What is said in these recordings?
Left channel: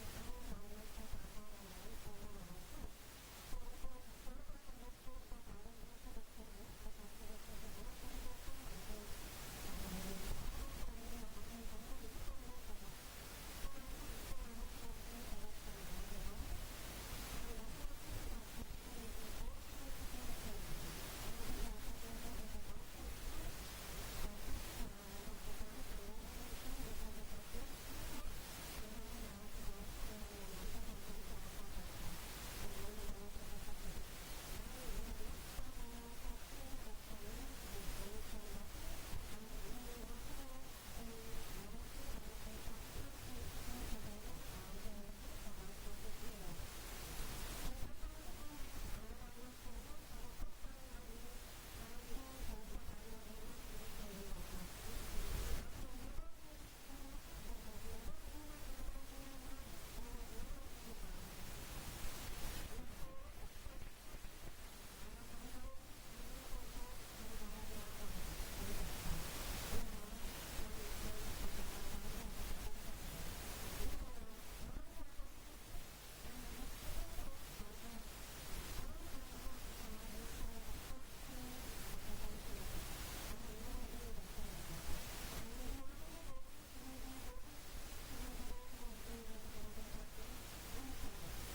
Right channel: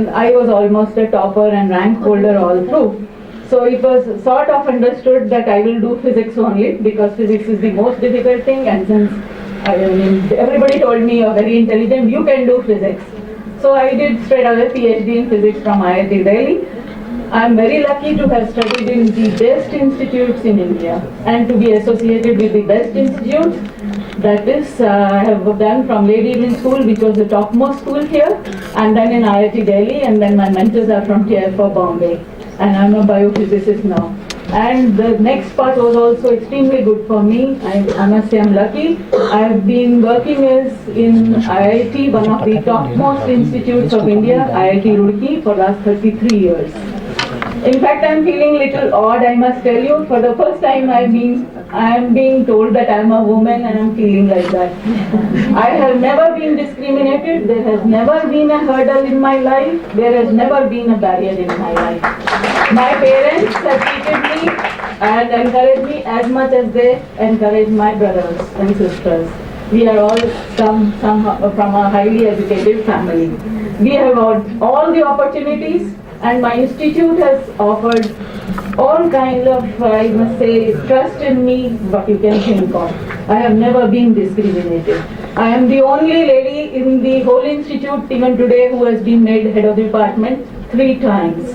I was almost a topper and rank holder all through. So it was sort of understood that I will do physics only because physics is the most difficult thing, and since everybody told me you're very intelligent, you can do physics. So I did straight away PhD in physics from IIT Delhi. I'm very lucky to have studied in the best institutes in India and to be associated with the best institutes. That is, I have done from Lady Evelyn School, which was the topmost school here, and then in IIT Delhi, and then my mentors are from TFR Bombay, and I'm a biophysicist now. And the next part was also extremely good for me. I must say I'm lucky. I have been working as in IIT, one of the topmost institutes of India, IIT Roorkee, for last 33 years. In fact, I'm feeling a little odd, I must tell you. For the first time, I am being told that I'm a woman, and I'm feeling like that. I have never been discriminated. There has never been a hurdle in my life. There has never been a barrier in my life. My parents have treated me and encouraged me as much as they encourage my brothers and sisters. We are all from a highly educated family. We have all the opportunities, and my institute has offered all kinds of, I must say, trust in me, what you can think of. I have never been discriminated. I am the only lady in the whole institute, even today, who has been made head of the department 3 times.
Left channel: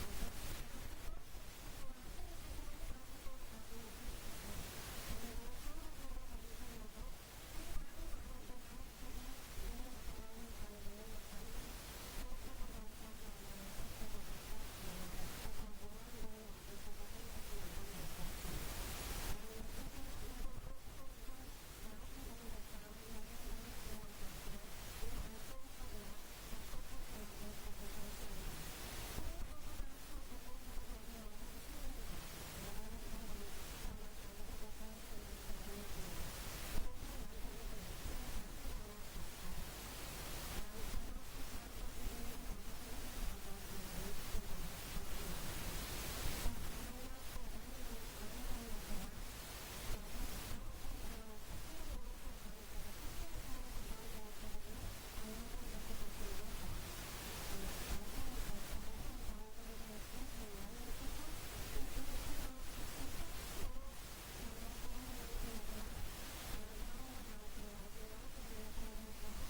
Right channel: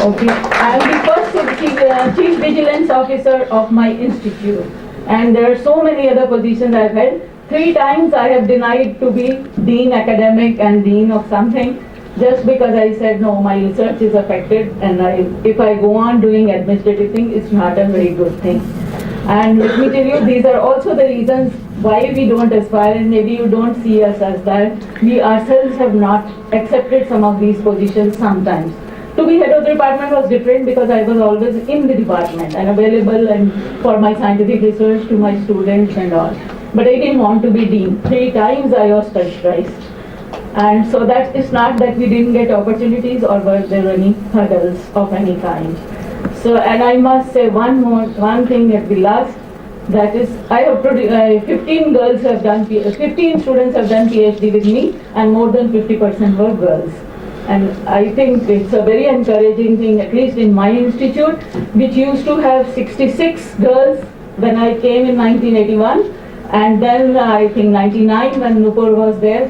Okay, I am the first chief vigilance officer of my institute, and there are so many other positions I've held. 3 times I have denied to be dean academic and dean of something, just because I said, no, my research is affected, and if I go on doing administrative thing, it's not a very good thing. And let me tell you, these are also the reasons why we don't aspire, and maybe you don't see us as that. We ourselves have not accepted some of these positions sometimes. To be head of the department was different because I was always in the department and available and for my scientific research to my students and all. But I didn't want to be dean. 3 times I was pressurized. And so that is not that we didn't get opportunities or were there any hurdles of any kind. So, and I must say one thing at the last, that is, I have 15 girls have done, 15 students have done PhD with me, and more than 50% were girls. And I think it's a very encouraging thing, at least in my institute, which used to have 66 girls when I came in 1981. And then I think 99 when Nupur was there,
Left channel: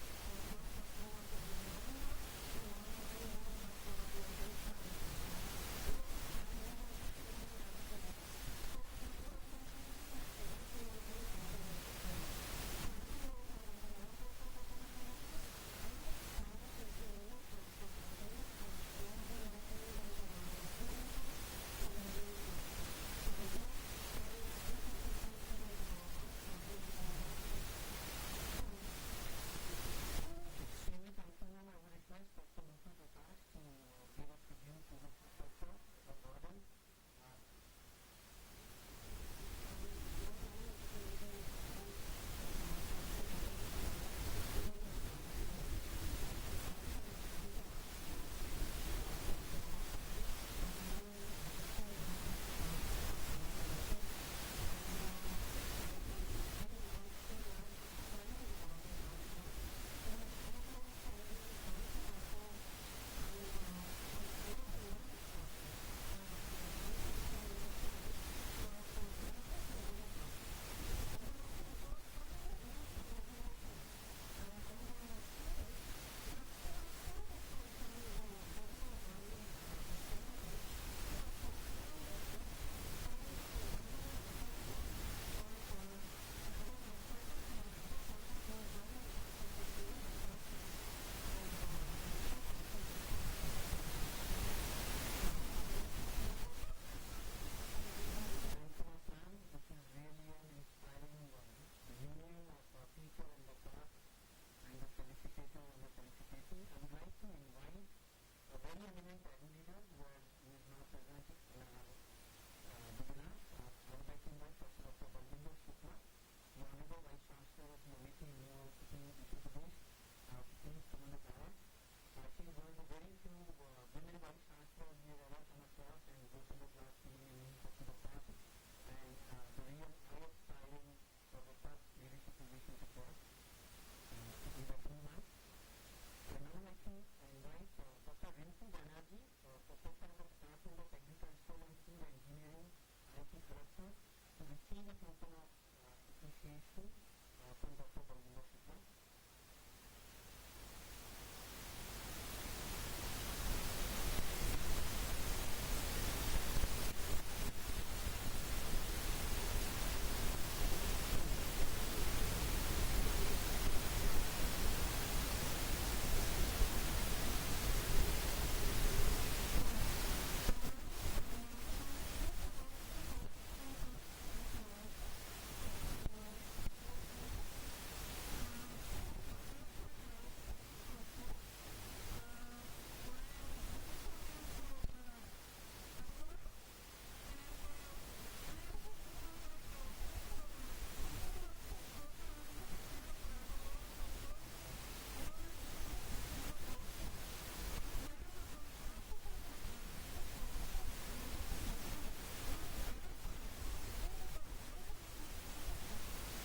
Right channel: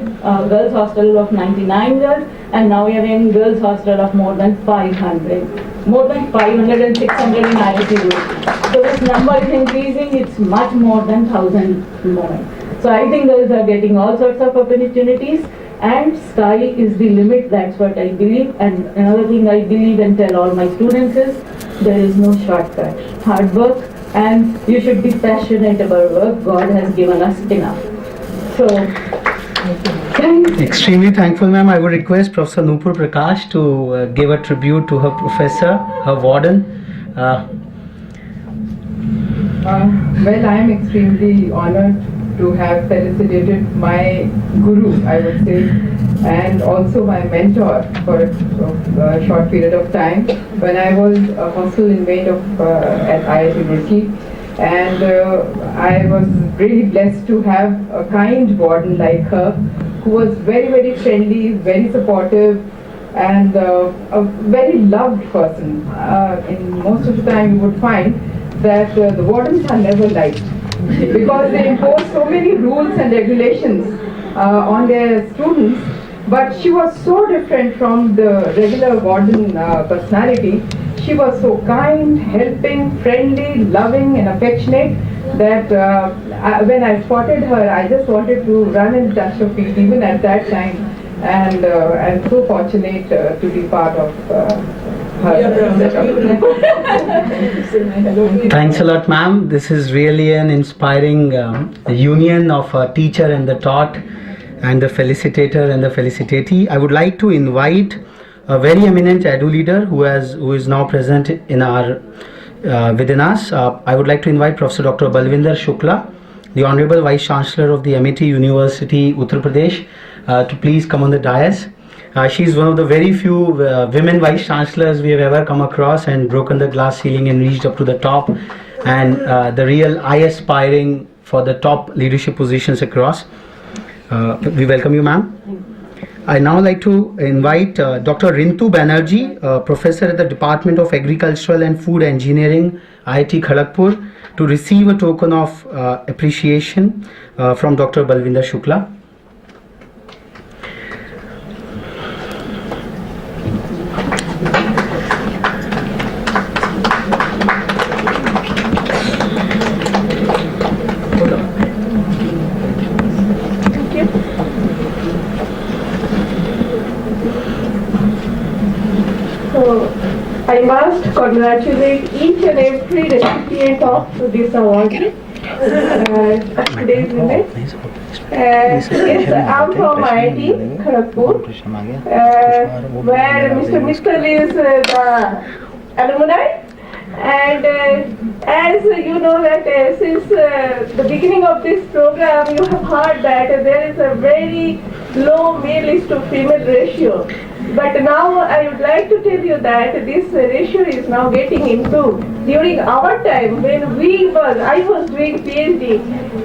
girls hostel of 99 girls, and now we are in girls hostel of more than 500. More than 500 and 600 in IIT Roorkee. So this number is increasing, it's much more than 1,000 more. So I think girls are getting all sorts of opportunities, and sky is the limit, that's what I believe. And another thing I believe and tell all my students is, there is no shortcut. Hard work, and you should be passionate about work. God has given us enough. So, extremely thankful, ma'am. I would request Professor Nupur Prakash to give a tribute to her professor, her warden. Well, I am extremely honored to have felicitated my guru, I would say, and also my mentor for a short period of time when I was a hostel inmate at IIT Roorkee. And I was really blessed to have a kind warden like her, who was very, very friendly, very supportive, and a very loved person. In most of the time you would find that the wardens are never liked because they impose so many rules and regulations on their students. But she was so different from the regular warden personality. She was so kind, helping, friendly, loving and affectionate that when I spotted her, I just wanted to run and touch her feet even at that time. And I'm so fortunate to be part of her. Thanks a lot, ma'am. This is really an inspiring union of a teacher and the taught, and the felicitator and the felicitatee. I would like to invite a very eminent edu leader who is now present in our within us. I would like to invite Professor Dr. Balvinder Shukla, the Honorable Vice Chancellor of the MIT University, Uttar Pradesh, to please come on the dais. She is one of the very few women Vice Chancellors we have ever come across and broken the glass ceiling and reached up to the top, and the real eye aspiring for the top leadership positions across. We welcome you, ma'am. I now like to invite Dr. Rintu Banerjee, professor at the Department of Agricultural and Food Engineering, IIT Kharagpur, to receive a token of appreciation from Dr. Balvinder Shukla. So, I must congratulate each and every recipient of this award of today's event. Yes, I'm from IIT Kharagpur, where Mr. Mittal is the alumni. And as you know that since the beginning of this program, you have heard that there is a very low male is to female ratio. But now I would like to tell you that this ratio is now getting improved. During our time, when I was doing PhD,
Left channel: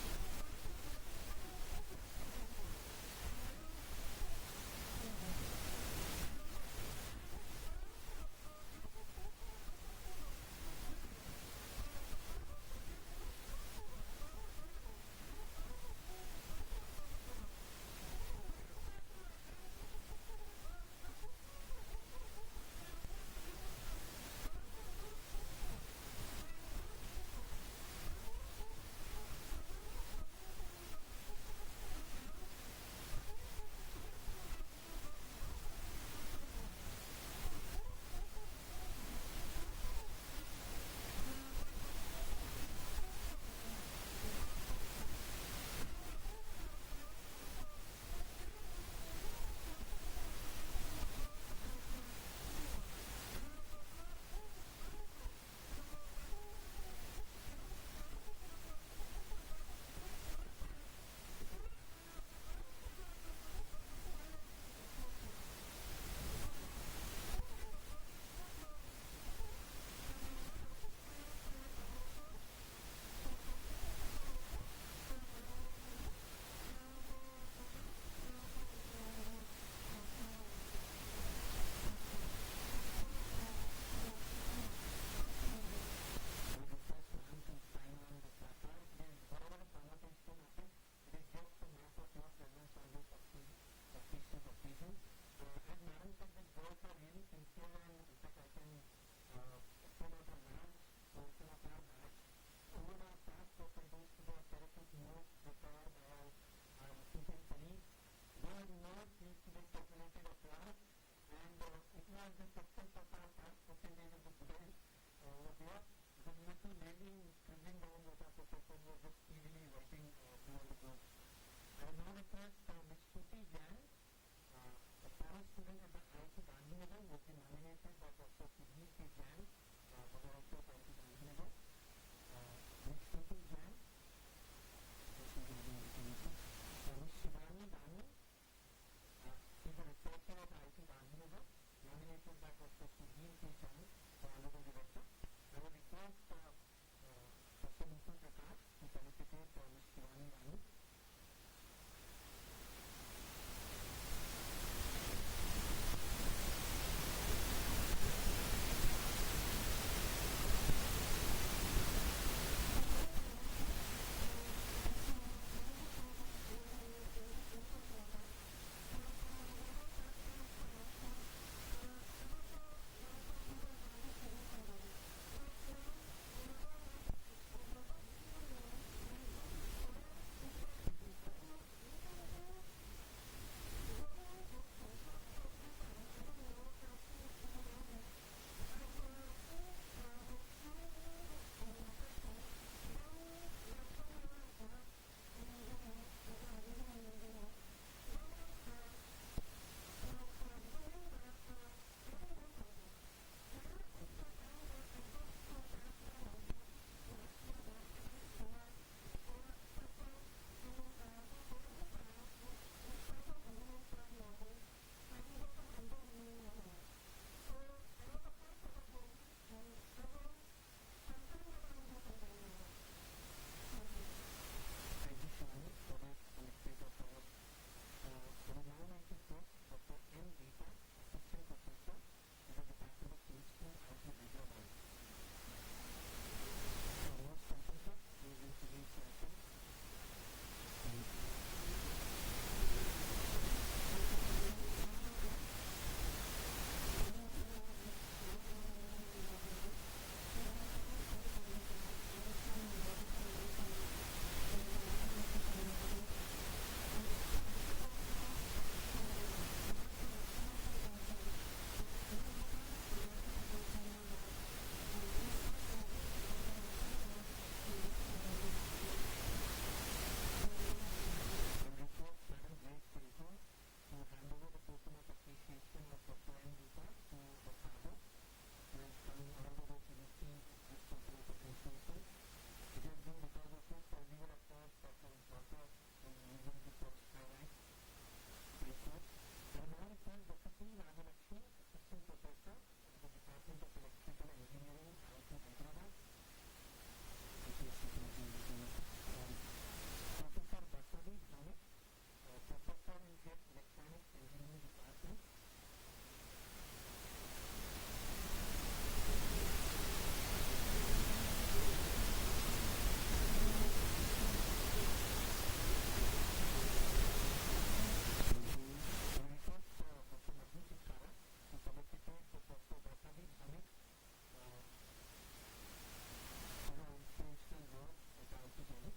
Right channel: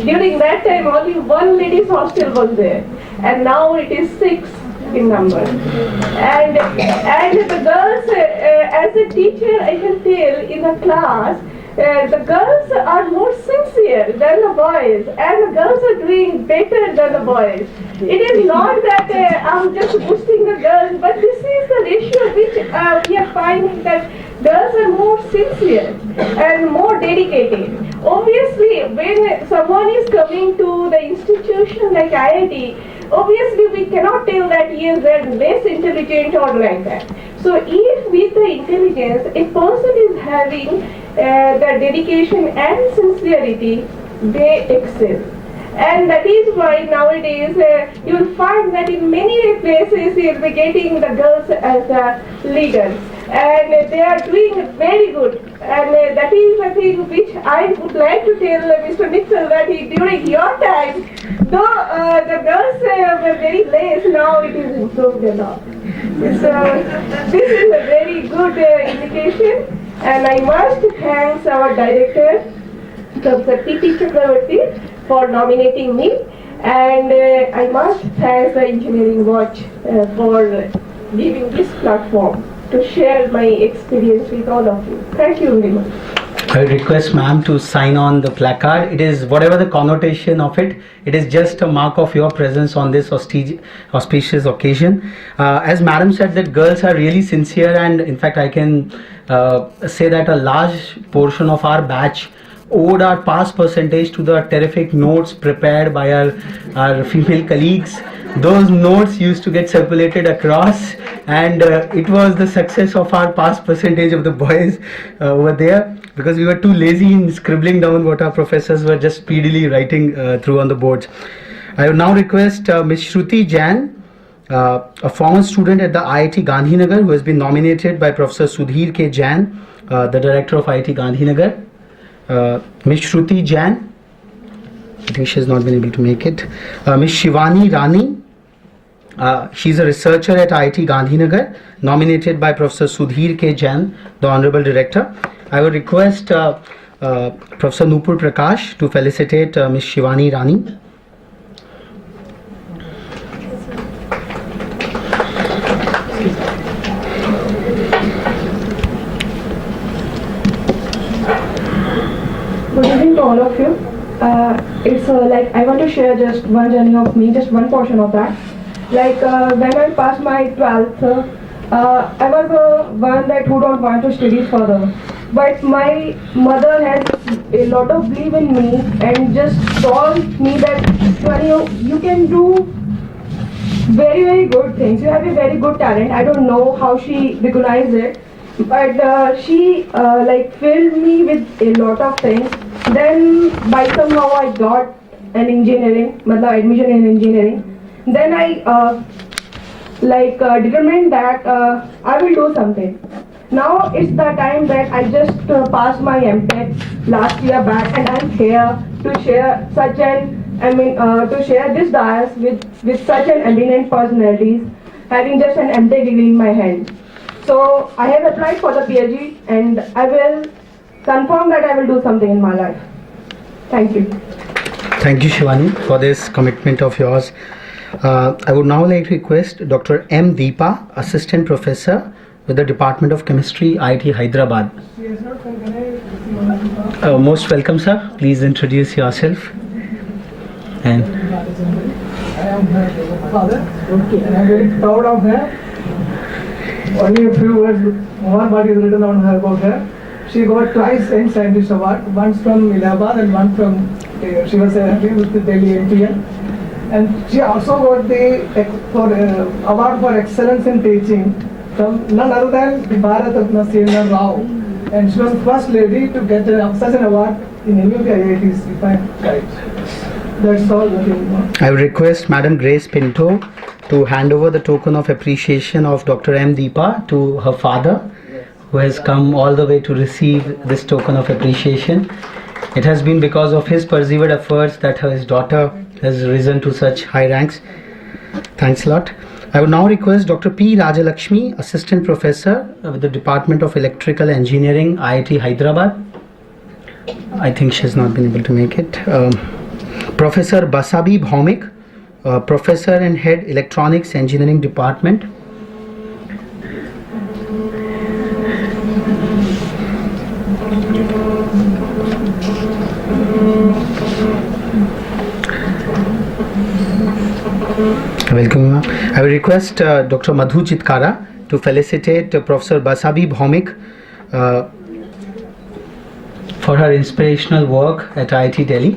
during that time only one ladies hostel was there. And now it is 6 in number. And the girls, as a teacher, I can tell in the class, the girls are more sincere than the boys, and the girls are doing better than the boys. It is not that I'm just boosting the girls, but this is the ratio which we are finding that girls are more sincere and more dedicated. Obviously, when someone is coming to the institution like IIT, obviously we cannot tell that he is less intelligent or like that. So if with the intelligence a person is having the dedication and sincerity, they excel. And that is why nowadays you will find that in many places you will be getting the girls as leaders. And they are doing very good. And that is the thing which I would like to tell Mr. Mittal that during your time, though the girls were very less, now it is improved a lot. So this is a very good indication. And I must thank our director, Dr. T.T. Chakravarti, for nominating me. And I must thank the Engineering Watch for giving this platform to share my experience with all of you. Thank you very much. I would request ma'am to sign on the placard. It is whatever the connotation of it, it is just a mark of your presence on this auspicious occasion. As madam said that girls are really sincere, and in fact I can say that a large portion of our batch owed our pass percentage to the terrific notes prepared by our female colleagues. Those notes used to get circulated across, and it was the success of our pass percentage of the boys over there, because we were too lazy in scribbling down what our professors were just speedily writing through on the boards. I would now request Ms. Shruti Jain, a former student at the IIT Gandhinagar, who has been nominated by Professor Sudhir K. Jain, the director of IIT Gandhinagar. Ms. Shruti Jain, I think she has not been able to make it. Ms. Shivani Rani, she's a researcher at IIT Gandhinagar, nominated by Professor Sudhir K. Jain, the Honorable Director. I would request Professor Nupur Prakash to felicitate Ms. Shivani Rani. Good evening to all of you. It's like I want to share just one journey of me, just one portion of that. Like when I passed my 12th, I was one that who don't want to study further. But my mother has a lot of belief in me and just told me that you can do very, very good things. You have a very good talent. I don't know how she recognized it. But she like filled me with a lot of things. Then by somehow I got an engineering, admission in engineering. Then I determined that I will do something. Now it's the time that I just passed my MTech last year back, and I'm here to share to share this dais with such an eminent personalities, having just an MTech degree in my hand. So I have applied for the PhD, and I will confirm that I will do something in my life. Thank you. Thank you, Shivani, for this commitment of yours. I would now like to request Dr. M. Deepa, Assistant Professor with the Department of Chemistry, IIT Hyderabad. Most welcome, sir. Please introduce yourself. And I am her father, and I am very proud of her. Only a few words more what is written on her about her. She got twice Young Scientist Award, once from Allahabad and one from, she was with the Delhi NTL. And she also got the award for excellence in teaching from none other than the Bharat Ratna Srinath Rao. And she was the first lady to get such an award in any of the IITs, if I am right. That's all. I would request Madam Grace Pinto to hand over the token of appreciation of Dr. M. Deepa to her father, who has come all the way to receive this token of appreciation. It has been because of his persevered efforts that his daughter has risen to such high ranks. Thanks a lot. I would now request Dr. P. Rajalakshmi, Assistant Professor with the Department of Electrical Engineering, IIT Hyderabad. I think she has not been able to make it. Professor Basabi Bhaumik, Professor and Head Electronics Engineering Department. Welcome. I will request Dr. Madhu Chitkara to felicitate Professor Basabi Bhaumik for her inspirational work at IIT Delhi.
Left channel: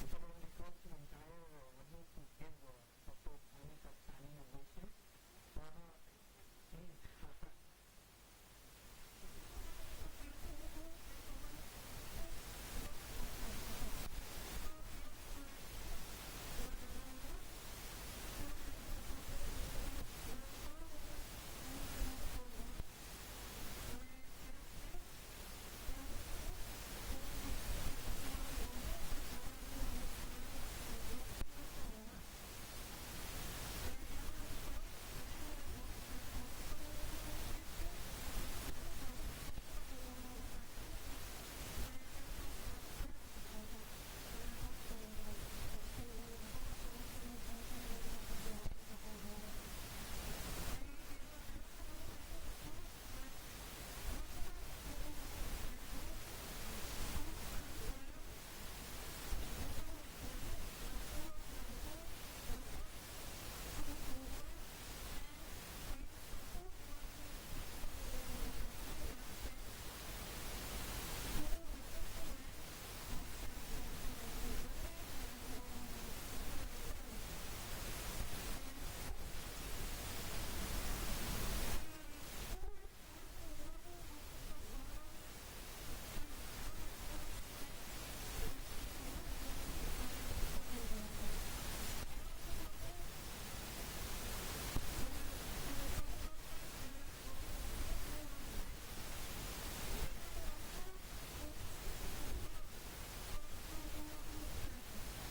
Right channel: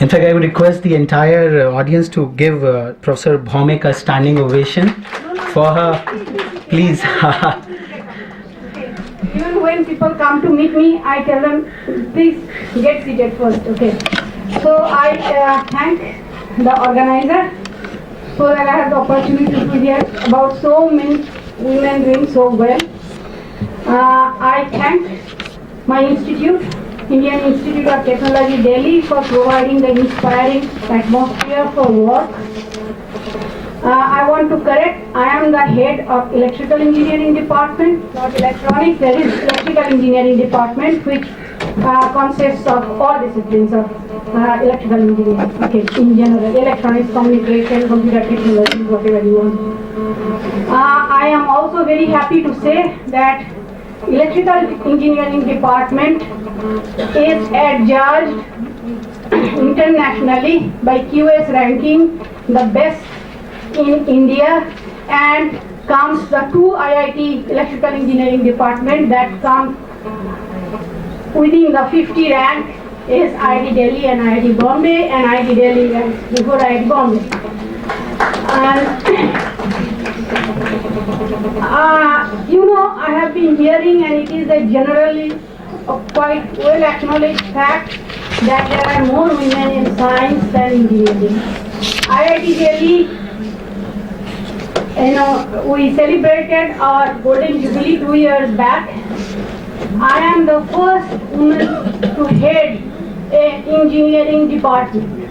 In fact, I would request the entire audience to give Professor Bhaumik a standing ovation for her. Please. Even when people come to meet me, I tell them, please get seated first, okay? So I thank the organizer so that I have the opportunity to hear about so many women doing so well. I thank my institute, Indian Institute of Technology Delhi, for providing the inspiring atmosphere for work. I want to correct, I am the head of Electrical Engineering Department, not Electronics. There is Electrical Engineering Department, which consists of all disciplines of electrical engineering, okay, in general, electronics, communication, computer technology, whatever you want. I am also very happy to say that Electrical Engineering Department is adjudged internationally by QS ranking the best in India, and comes the two IIT Electrical Engineering Department that come within the 50 rank is IIT Delhi and IIT Bombay, and IIT Delhi and before IIT Bombay. And you know, I have been hearing, and it is a generally quite well acknowledged fact that there are more women in science than engineering. IIT Delhi, you know, we celebrated our Golden Jubilee 2 years back. I am the first woman to head an engineering department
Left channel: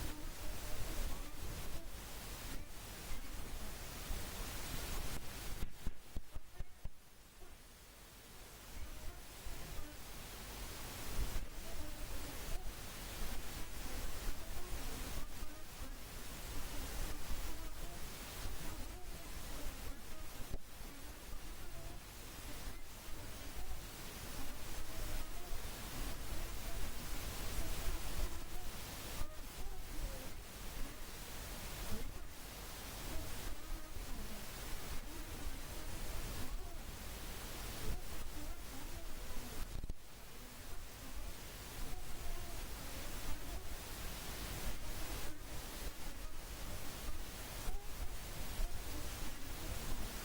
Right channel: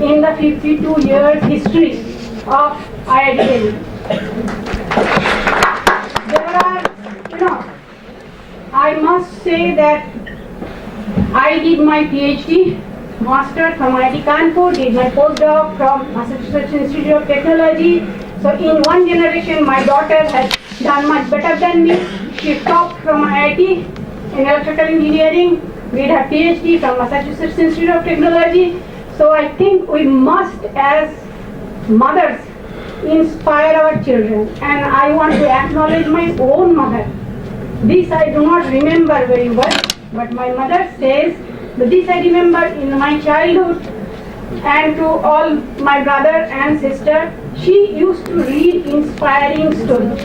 in the 52 years history of IIT Delhi. There are, you know, I must say that I did my PhD, master from IIT Kanpur, did my postdoc from Massachusetts Institute of Technology. So in one generation, my daughter has done much better than me. She topped from IIT in electrical engineering, did her PhD from Massachusetts Institute of Technology. So I think we must, as mothers, inspire our children. And I want to acknowledge my own mother. This I do not remember very well, but my mother says that this I remember in my childhood, and to all my brother and sister, she used to read inspiring stories.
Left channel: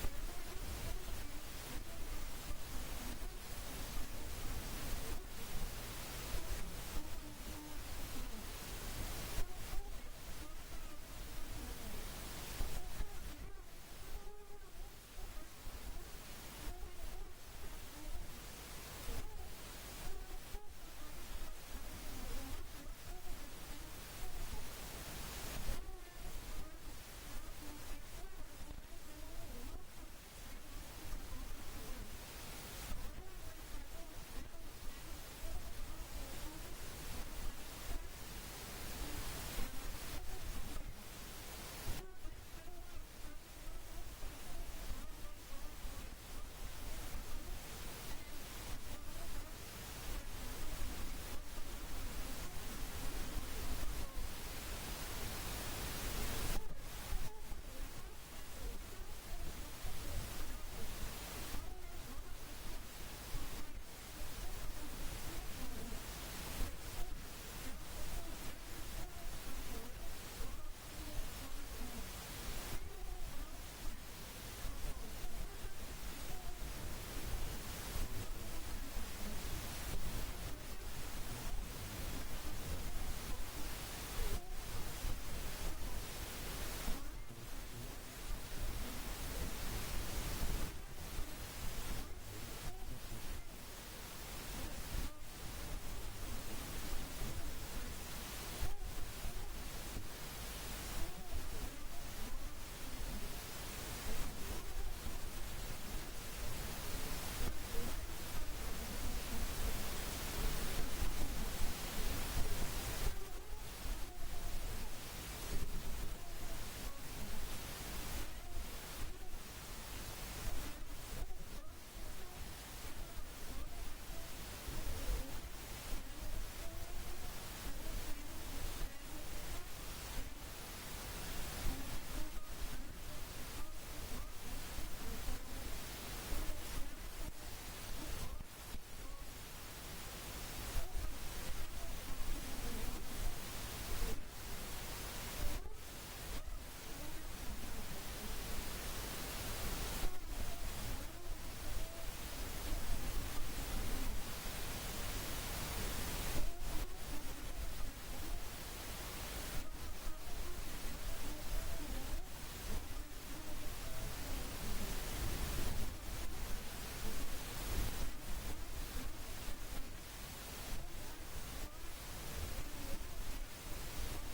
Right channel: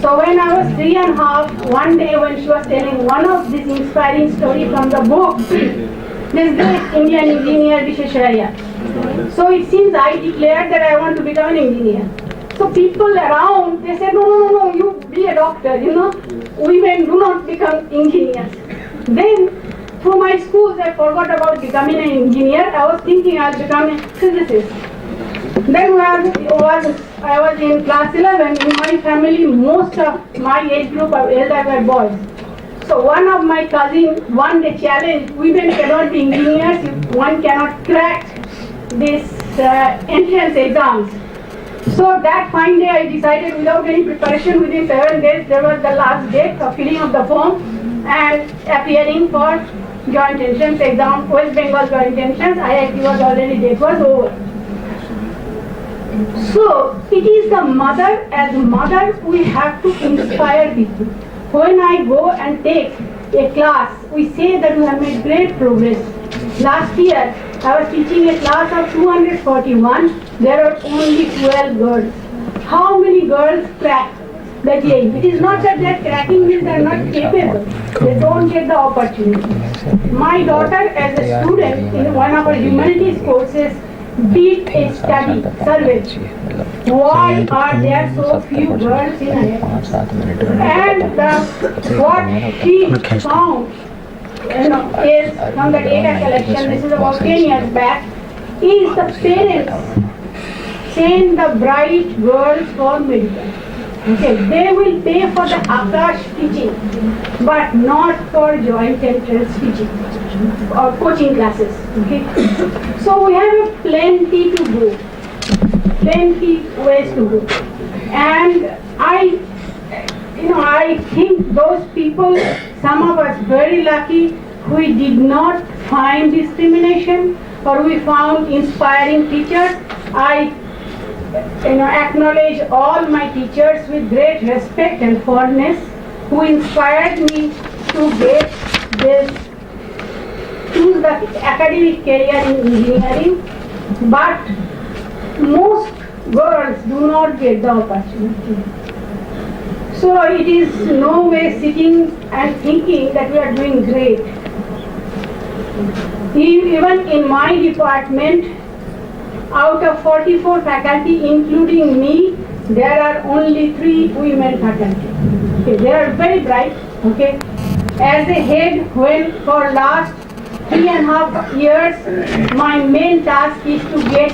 So when I was 3.5, one day when she was telling one of these inspiring stories from the book, this great Indian engineer Visvesvaraya. So it seems I declared that I want to become an engineer. So people around, they said, no, you be a doctor, you know, women do not become engineers. Then through my schools, I forgot about becoming an engineer. I was thinking I'll become a physicist. Then I was in class 11, in my family, most of my age group of elders were boys. So one of my cousins one day challenged, women cannot be engineers if one cannot crack this entrance exams. So that fine day I decided without any preparation, within 7 days there was the last date for filling of the form and appearing for joint entrance exam, West Bengal joint entrance. IIT was already, date was over. So it is the mother, as mother we have to inspire people. When I go and take a class, we say that we have made great progress. Last year I was teaching a class of 241, there are only 12 girls. How many girls crack the JEE? It is not that they are cracking means they are not capable. They don't get the opportunity. My daughter as a student in one of our humanities courses did a study, survey. Why are there so few girls in IIT? And what she found is from the data collection, this is about 10 years back, is the parents send the bright girls for medical. Okay, they will pay for the Akash teaching, but not for joint entrance teaching or coaching classes. Okay, so we have plenty to go, plenty ways to go, and I think those people, some of us very lucky, we did not find discrimination or we found inspiring teachers. I acknowledge all my teachers with great respect and fondness who inspired me to get this, choose the academic career in engineering, but most girls do not get the opportunity. So it is no way sitting and thinking that we are doing great. Even in my department, out of 44 faculty, including me, there are only 3 women faculty. Okay, they are very bright. Okay, as a head, when for last 3.5 years, my main task is to get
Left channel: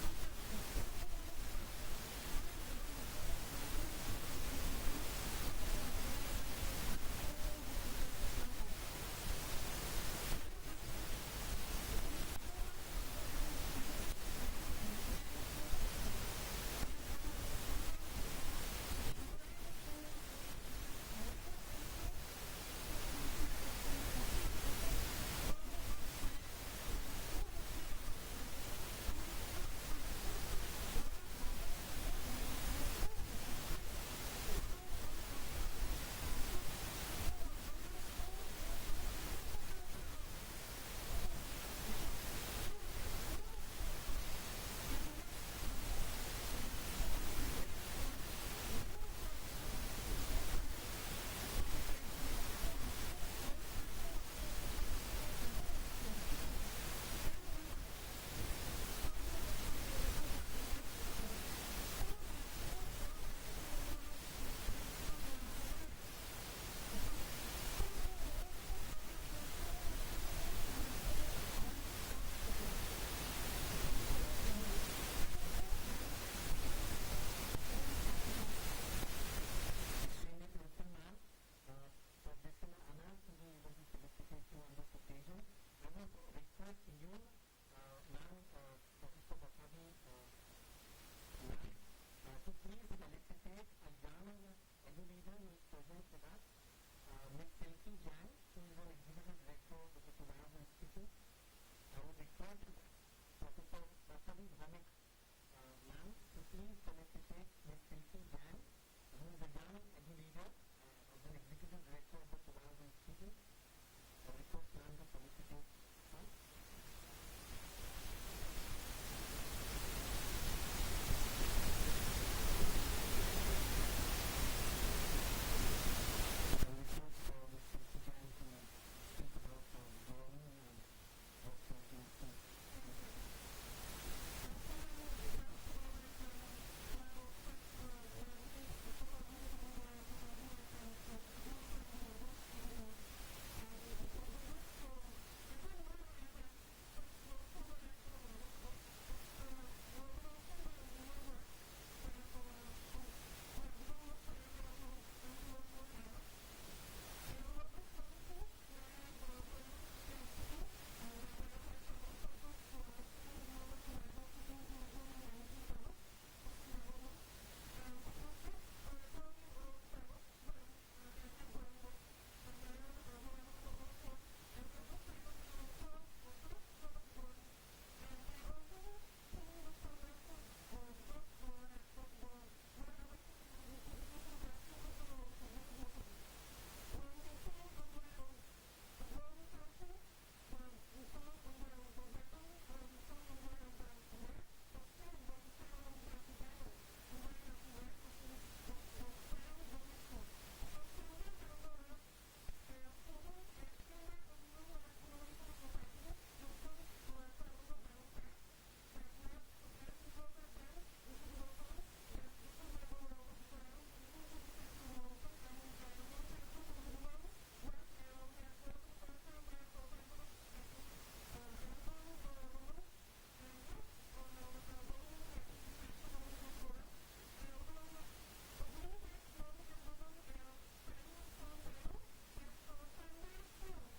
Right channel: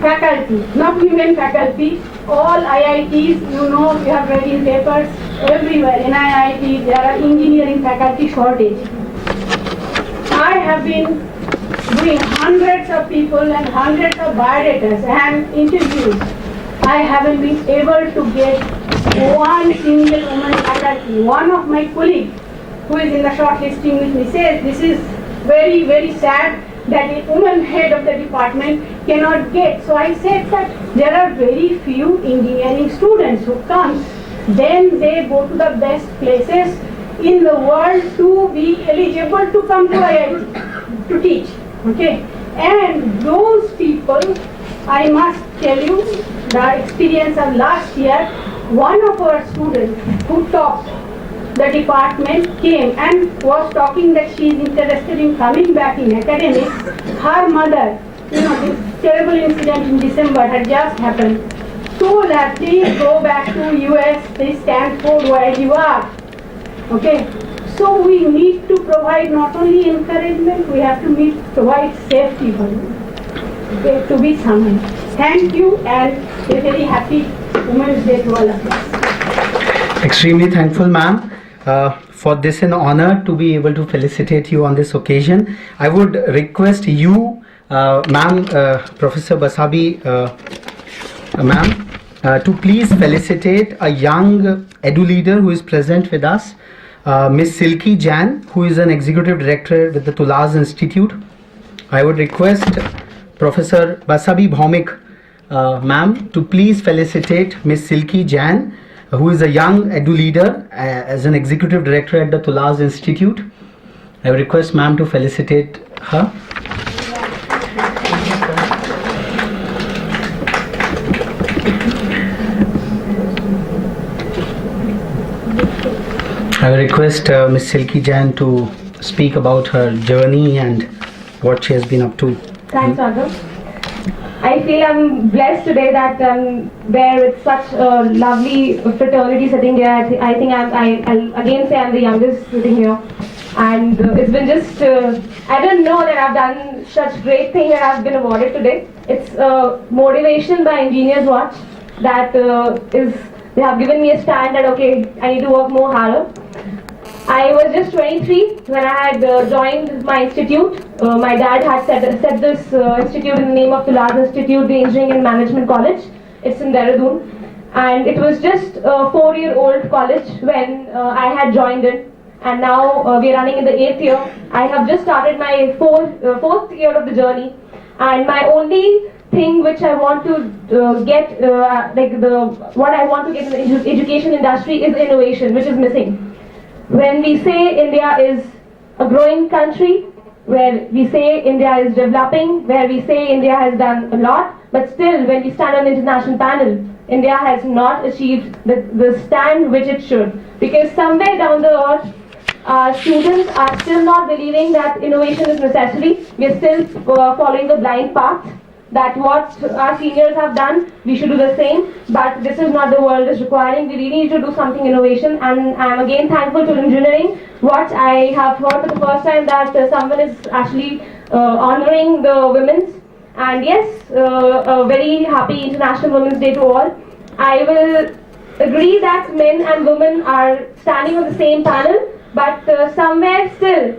faculty, not women faculty. All IITs, you have read in papers everywhere. In IIT, there are engineering faculty shortage. I have been doing hundreds of people and hundreds of biodatas and interviews. I haven't been able to get one single woman faculty. One of my colleagues who is in the shortlisting with me says this is very, very sad that a woman head of the department cannot get. So I said that there are very few engineering students who come, then they go to the best places in the world to be eligible to come to IIT to teach. Okay, and those people, I must tell you, the experience of last year, one of our students who topped the department came and was talking that she is interested in coming back in academics. Her mother, this terrible incident in December had just happened, told her, please go back to US, please Stanford, where you are. Okay, so we need to provide not only encouragement, we have to provide safety for you, okay, to be summoned. Thank you, and a very happy Women's Day to all of us. Extremely thankful, ma'am. For this an honor to be able to felicitate you on this occasion. I would request you, ma'am, Professor Basabi, ma'am, to please felicitate a young edu leader who is present with us, Miss Silky Jain, who is an executive director with the Tulaz Institute. I would request Professor Basabi Bhaumik, ma'am, to please felicitate Miss Silky Jain, who is a young edu leader as an executive director at the Tulaz Institute. I would request ma'am to felicitate her. I will request Miss Silky Jain to speak about her journey and what she has been up to. Thanks, Raghav. I feel I'm blessed today that I'm there with such a lovely fraternity sitting here. I think I'll again say I'm the youngest sitting here. And it's been just, I didn't know that I've done such great thing that I've been awarded today. It's motivation by Engineers Watch that they have given me a stand that, okay, I need to work more harder. I was just 23 when I had joined my institute. My dad had set this institute in the name of Tulaz Institute, the Engineering and Management College. It's in Dehradun. And it was just a 4-year-old college when I had joined it. And now we are running in the 8th year. I have just started my fourth year of the journey. And my only thing which I want to get, what I want to get in the education industry is innovation, which is missing. When we say India is a growing country, where we say India is developing, where we say India has done a lot, but still when we stand on the international panel, India has not achieved the stand which it should. Because somewhere down the earth, our students are still not believing that innovation is necessary. We are still following the blind path, that what our seniors have done, we should do the same, but this is not the world is requiring. We really need to do something innovation, and I'm again thankful to engineering. What I have heard for the first time that someone is actually honoring the women's, and yes, a very happy International Women's Day to all. I will agree that men and women are standing on the same panel, but somewhere still,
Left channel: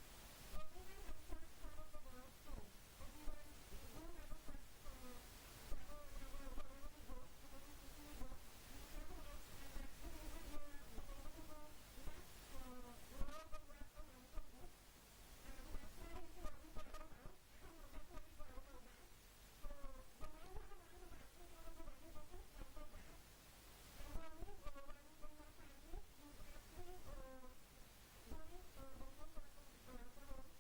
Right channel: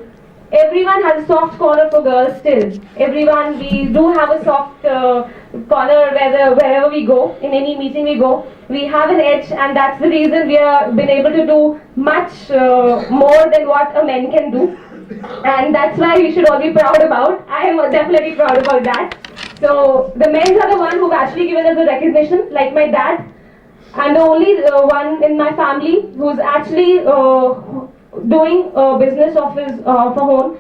everyone has a soft corner for girls still. Everyone, we do have a soft corner wherever we go, in any meeting we go. We have an edge, and that's the reason we have been able to do much more than what a man can do. And that's why we should all be proud about. I am definitely proud about that. So the men are the one who've actually given us the recognition, like my dad. I'm the only one in my family who's actually doing a business of his own,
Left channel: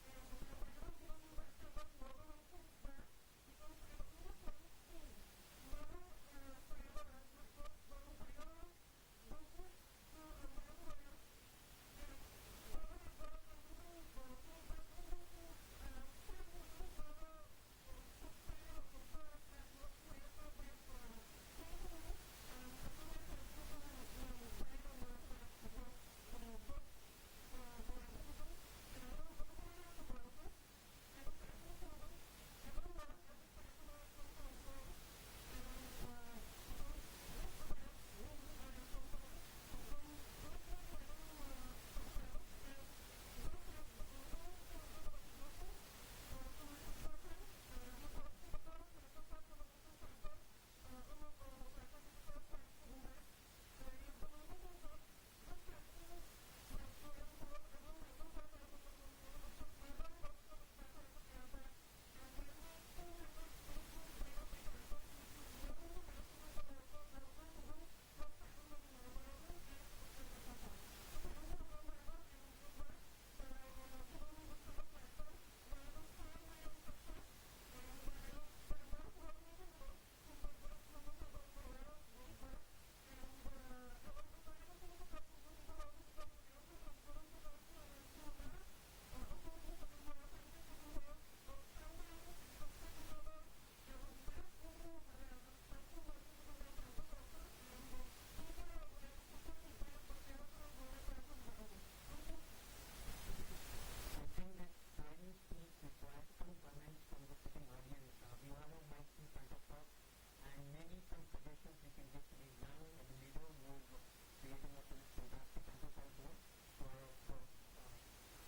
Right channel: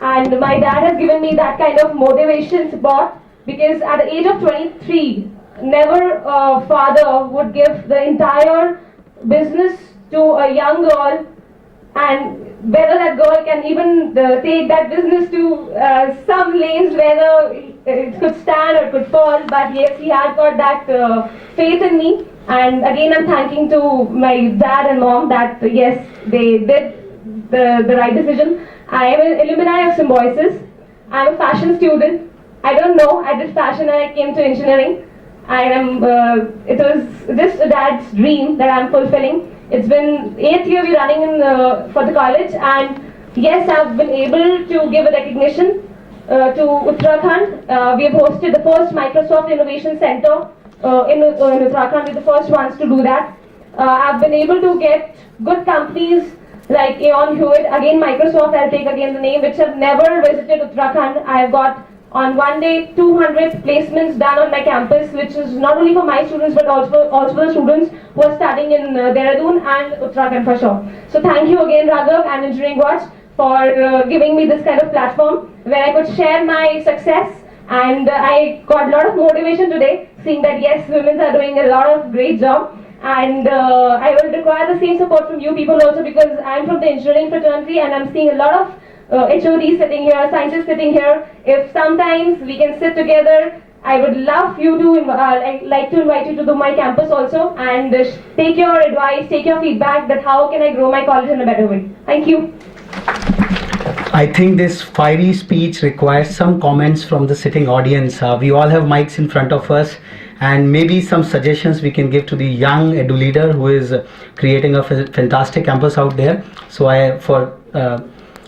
and my dad has given me that kind of motivation support, because at the age of 23, never a father would give the entire business to a young girl, and whether that girl can even take that business to some lanes whether it could stand or it could fall, but yes, he had got that faith in me. And again, I'm thanking to my dad and mom that yes, they did the right decision. I am an alumni of Symbiosis. I'm a fashion student. I don't know, I did fashion and I came to engineering. It was just a dad's dream that I'm fulfilling. It's been 8th year we're running for the college, and yes, I've been able to give a recognition to Uttarakhand. We have hosted the first Microsoft Innovation Center in Uttarakhand. We're the first ones to do that. I've been able to get good companies like Aeon Hewitt, again Microsoft, I'll take again the name, which have never visited Uttarakhand. I've got on one day 200 placements done on my campus, which is not only for my students but also the students who are studying in Dehradun and Uttarakhand for sure. So thank you again, Raghav and Engineering Watch, for giving me this kind of platform where I could share my success, and I got a lot of motivation today, seeing that yes, women are doing a lot of great job. And I will require the same support from you people also, because I'm from the engineering fraternity and I'm seeing a lot of HODs sitting here, scientists sitting here. If sometimes we can sit together, I would love you to, like to invite you to my campus also, and take your advice, take your feedback that how can I grow my college in a better way. Thank you. I think this fiery speech requires some comments from the sitting audience. We all have mics in front of us, and maybe some suggestions we can give to the young edu leader who is creating a fantastic campus out there. So for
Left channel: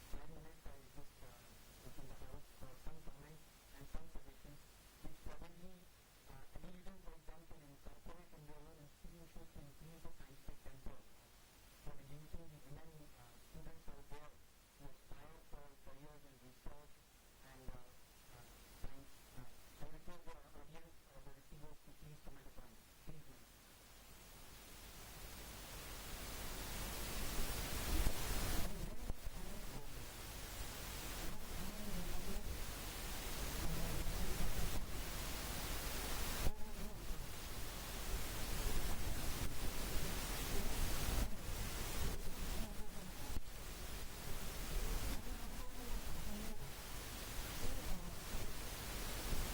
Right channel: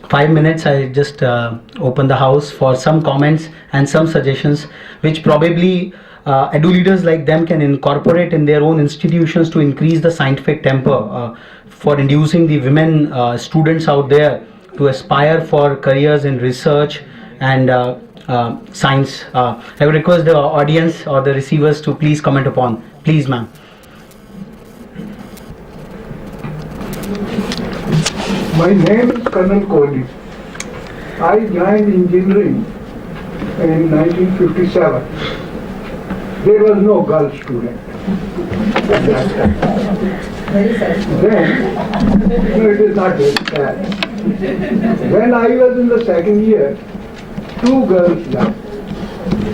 5 minutes, I just open the house for some comments and some suggestions, which probably edu leaders like them can incorporate in their own institutions to increase the scientific temper, for inducing the women students out there to aspire for careers in research and science. I would request the audience or the receivers to please comment upon. Please, ma'am. My name is Colonel Kohli. I joined engineering in 1957. There was no girl student at that time. Then, no, it is not very sad. When I was in the second year, 2 girls left.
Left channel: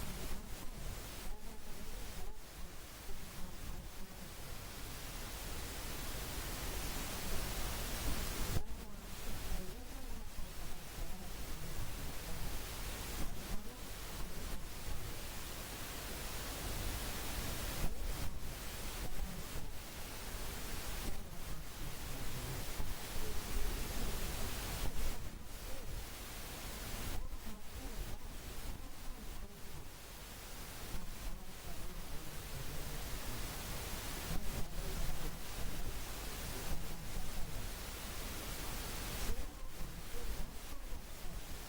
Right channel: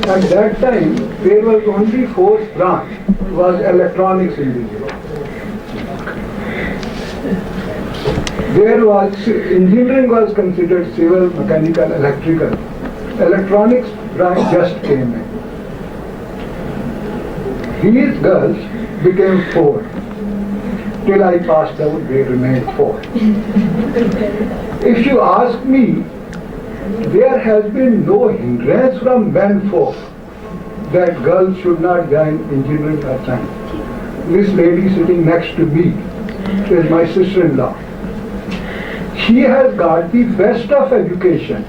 At that time, there was only 4th branch, was electronics engineering. There was, engineering was considered civil, mechanical, electrical. Electronics branch just came in. These girls became 4. Till I passed out, they remained 4. If you ask me, there has been no hindrance from men folk that girls should not join engineering or science. This lady sitting next to me is my sister-in-law. She has got the best of education.